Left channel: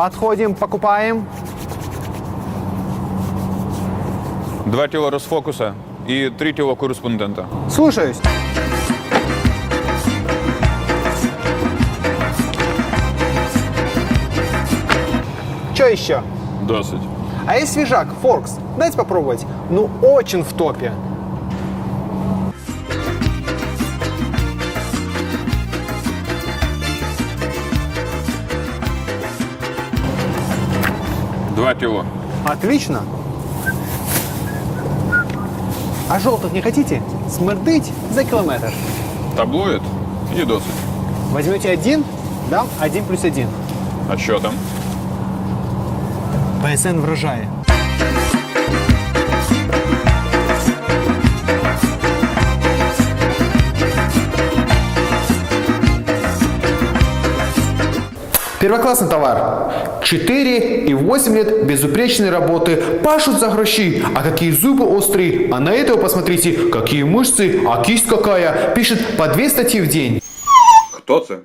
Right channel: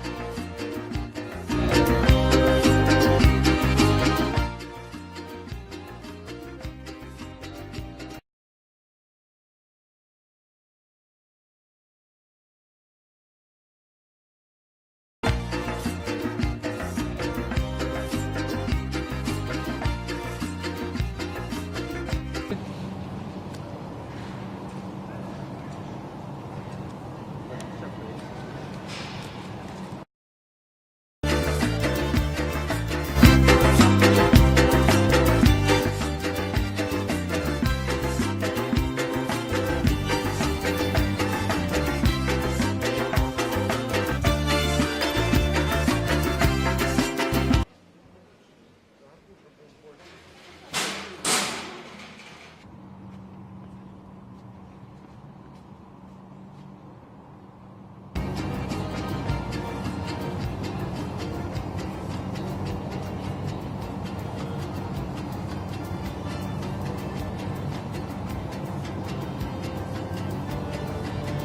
Подходим, покупаем. Два тіла розфокуса і три тіла кореспондента. Слушаюсь. Что еще? Досить. А есть свежак, Форкс. Дайте попробовать. Ну, очень в топе. Два тіла. Отлично. А желтых не хотите? Смердить за километр. Таблоїд і досить. Возьмете один, да, один плюс один. А що там? ПСН врожай. Первоклассный товар. 4 и 8 лет безупречной работы. Пашут за гроши. А какие зубы острые. А на этого посмотрите, какие мышцы, а кисть какая. Пишет по две статьи в день. Хто це?